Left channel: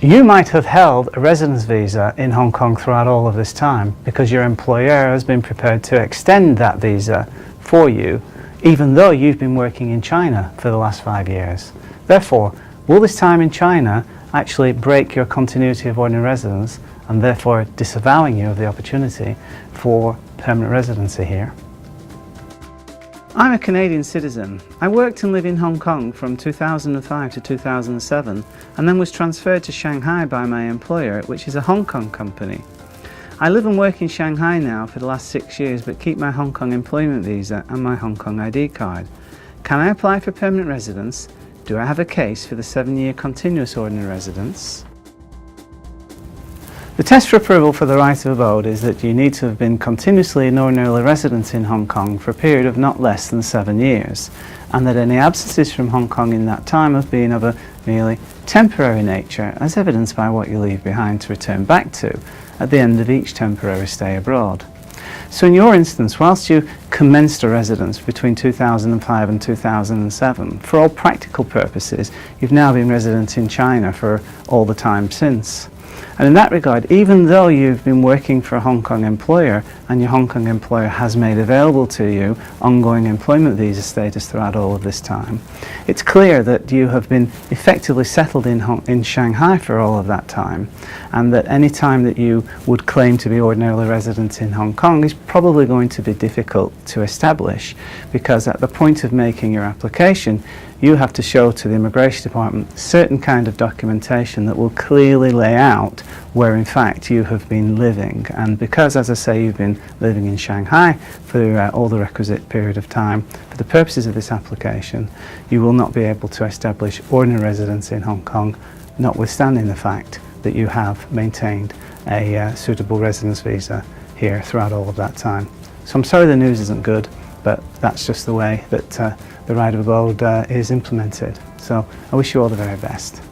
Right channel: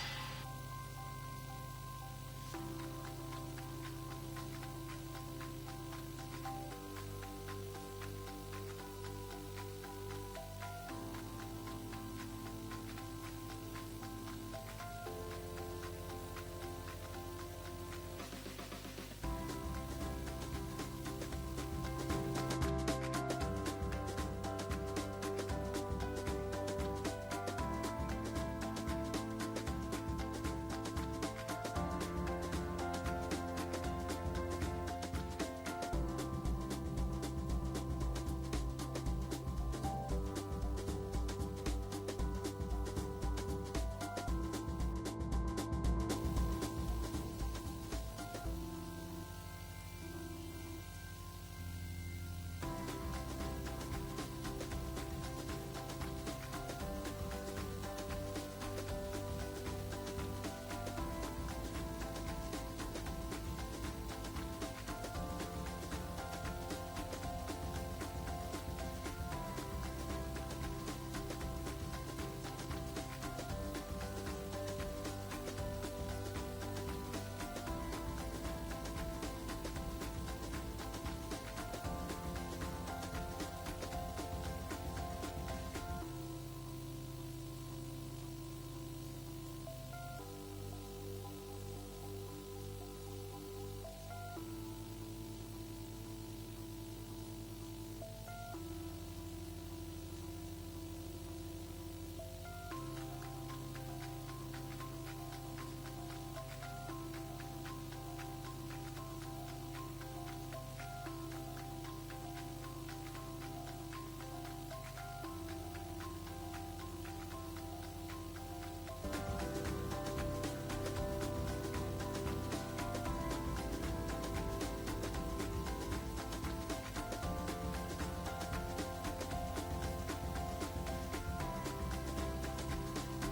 You might have held a residence visa in Hong Kong throughout all of this time because your employer has been prepared to extend that visa for you, even though you've been working in China for the last 5 years. Therefore, will this time in China actually break your continuity of ordinary residence and therefore disavowing you of the opportunity for permanent residency here? I'm a Canadian citizen. I worked and lived in Hong Kong from 2005 to 2007 and then was transferred to Shanghai by my employer, which is a Hong Kong company. I live and work in Shanghai now for the last 6 years but keep my Hong Kong employment visa and my Hong Kong ID card. Can I apply for permanent residence? Do I have a case for the 7-year continuous ordinary residence? The test for approval for the right of abode is that you need to have been continuously and ordinarily resident in Hong Kong for a period of not less than 7 years, and that any absences from Hong Kong in that time have been of a merely temporary nature, as evidenced by what you leave behind to return back to at the end of each temporary stay abroad. So in your instance, whilst you commenced a residence between 2005 and 2007, for all practical purposes, you've now been resident in China for all the time since. And in that regard, even though you've been working for a Hong Kong employer and your Hong Kong employer has made available to you ongoing employment visa status throughout all of this time, it's clear that you have been effectively settled in Shanghai for all of that time, and that any time that you would claim to be ordinarily resident in Hong Kong is probably going to be difficult to establish, because at the point of making your application, you have to show to the Immigration Department certain kind of documentation that will clearly lay out where in fact you have been living. And because, as I say, you've been living in Shanghai for all the requisite period of time, for the purposes of this application, you will not be able to establish ordinary residence in Hong Kong, notwithstanding the fact that you have maintained a suitable residence visa here throughout all of that time. So I'm sorry the news isn't good, but that's just the way that the right of abode is implemented. So I wish you all the very best.